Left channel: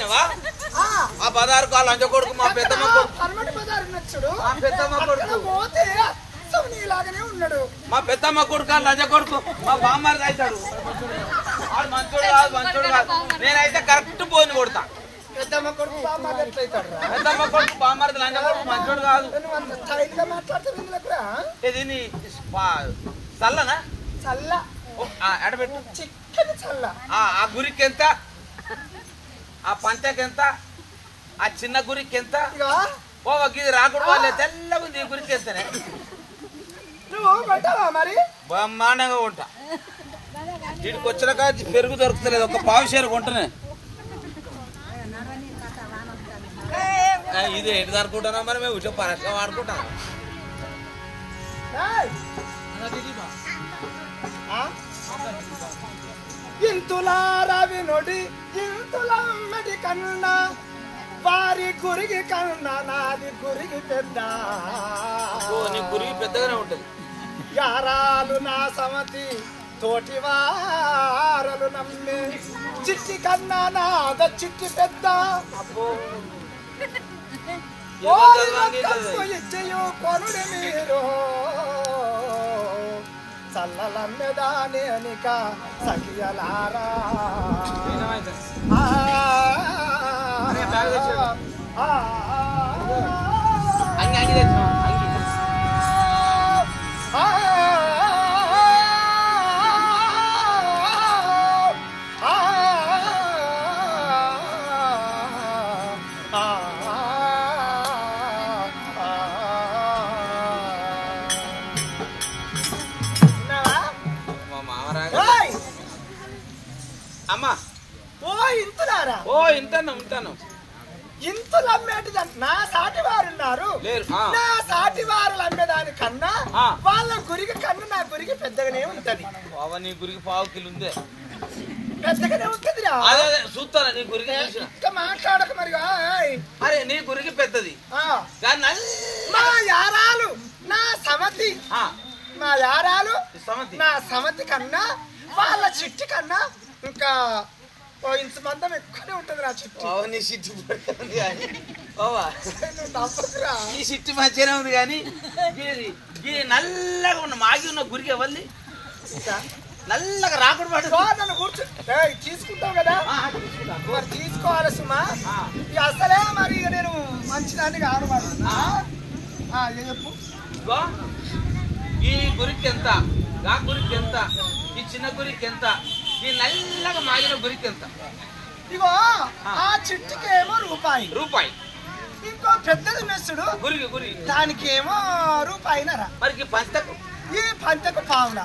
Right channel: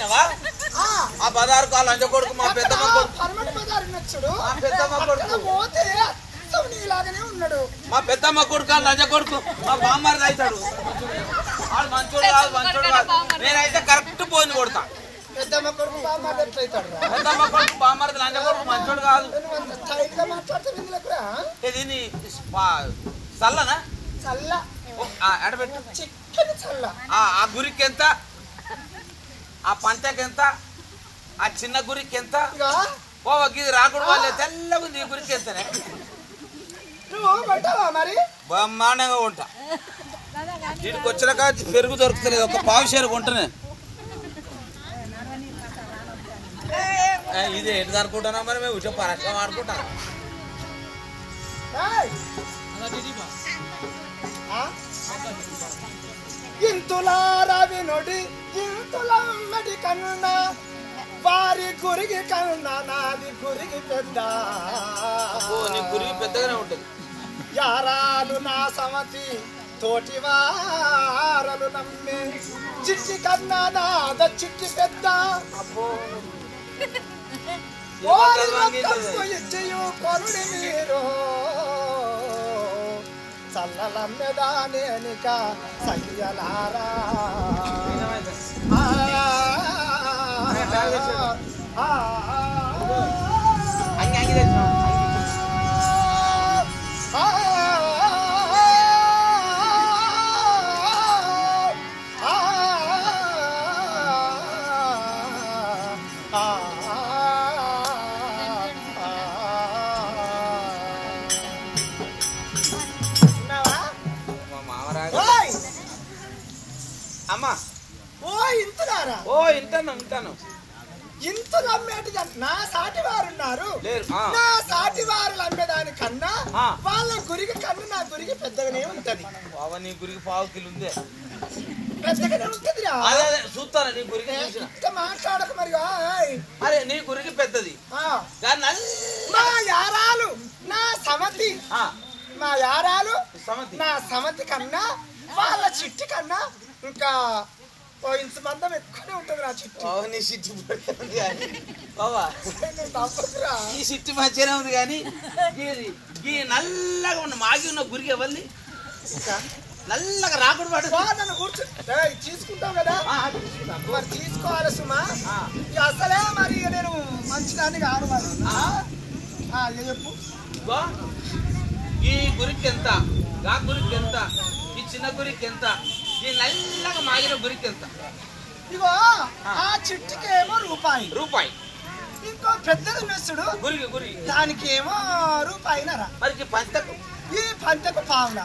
పోయినవా ఆ బజారు కాలు అంజ కొడుకు మా పెద్దమ్మ కొడుకు పర్మనెంట్ బజార్ నచ్చుడు మా పెద్దమ్మ కొడుకు పోతే నీలాగానే ఉన్నాడు మా పెద్దమ్మ కొడుకు లంజ కొడుకు మా బామ్మారి అవుతాడు వాడు మంచోడు కాదు నేనైతే కరెక్ట్ పోని కొడతా పెద్దమ్మ కొడుకు బామ్మారి ఎట్లయితాడు పెద్దమ్మ కొడుకు బామ్మారి లంజ కొడుకు మంచోడు కాదు నువ్వు అంత స్టైల్ గా మాట్లాడుతావు ఇందులో ఇది చల్లనా చల్ల ఎడబెట్టు చిక్కని చల్ల ఆ గురికి ఎంత ఆ పంచకి ఎంత ఆ చిన్న గురికి ఎంత ఇది రాకూడదు వాళ్ళే తెల్లగా ఉంది ఈ గురికి ఎంతనే నువ్వు కొంటావా మరి బ్రహ్మాండంగా ఉంటా వీటికి వచ్చినాక పెరుగు దొరుకుతలేదు ఒక పావు షేరు కొంటనే ఇది ఎటు దొరుకుంటున్నా మరి మేము ఉచ్చ పరస్గా వాడుకుంటాం ఇంతులారా వినొడి ఇంతులమ్మడి కన్నా వారి గురికి కన్నా నాది గురికి పెద్ద నీ గురికి పెద్దగానే ఉంటుంది యారాలు నా సమతి తోటి వారలు నమ్మే చిట్టి కన్నా నాద చిట్టి పెద్ద ఇచ్చయు కొనుడి మీరు చల్లలమ్మెదానేనిక సఖియలారా అమ్మా ఓ ఇంటాను ఇంతులు అమ్మేటిది నా సాటి వారు ఉన్నారు నా సాటి వారు అమ్మేదానికన్నా వాళ్ళ గురికి కన్నా నా గురికి పెద్దగానే ఉంటది నీ గురికి పావు కిలో ఉందే పెద్దగానే ఉంటదిరా చూస్తారా నీ గురికి ఇంకా మాట్లాడక మరి అరే నీ గురికి పెద్దది మా యారాలు నా సమతి మా యారాలు నా సమతి కన్నా వాళ్ళ చిట్టి కన్నా ఇంకా ఇంత మందం ఎక్కువనే ఉంటది నా చిట్టి ఈ చిట్టి మంచిగానే ఉంది కానీ ఈ నల్లగా ఉన్న మాగి ఉన్న గురికి ఎవరిది నల్లగా రాకూడదు నన్ను కూర్చో తీసుకుంటావు కదా మరి తీసుకోవాలి సుమా ఇక అసలే మరి ఇక నేను మంచిదాన్ని కాదు మరి చెప్పు ఈ గురికి ఎంత గా గురికి ఎంత ఈ చిన్న గురికి ఎంత ఈ నల్లగా మాగిన గురికి ఎంత ఇగో ఆ చిట్టుకేమో రూపాయి ఇంకో పెద్దది మెస్సుడు గురికి దానికేమో రూపాయినరా మరి పంచకు ఈ పంచకు పావున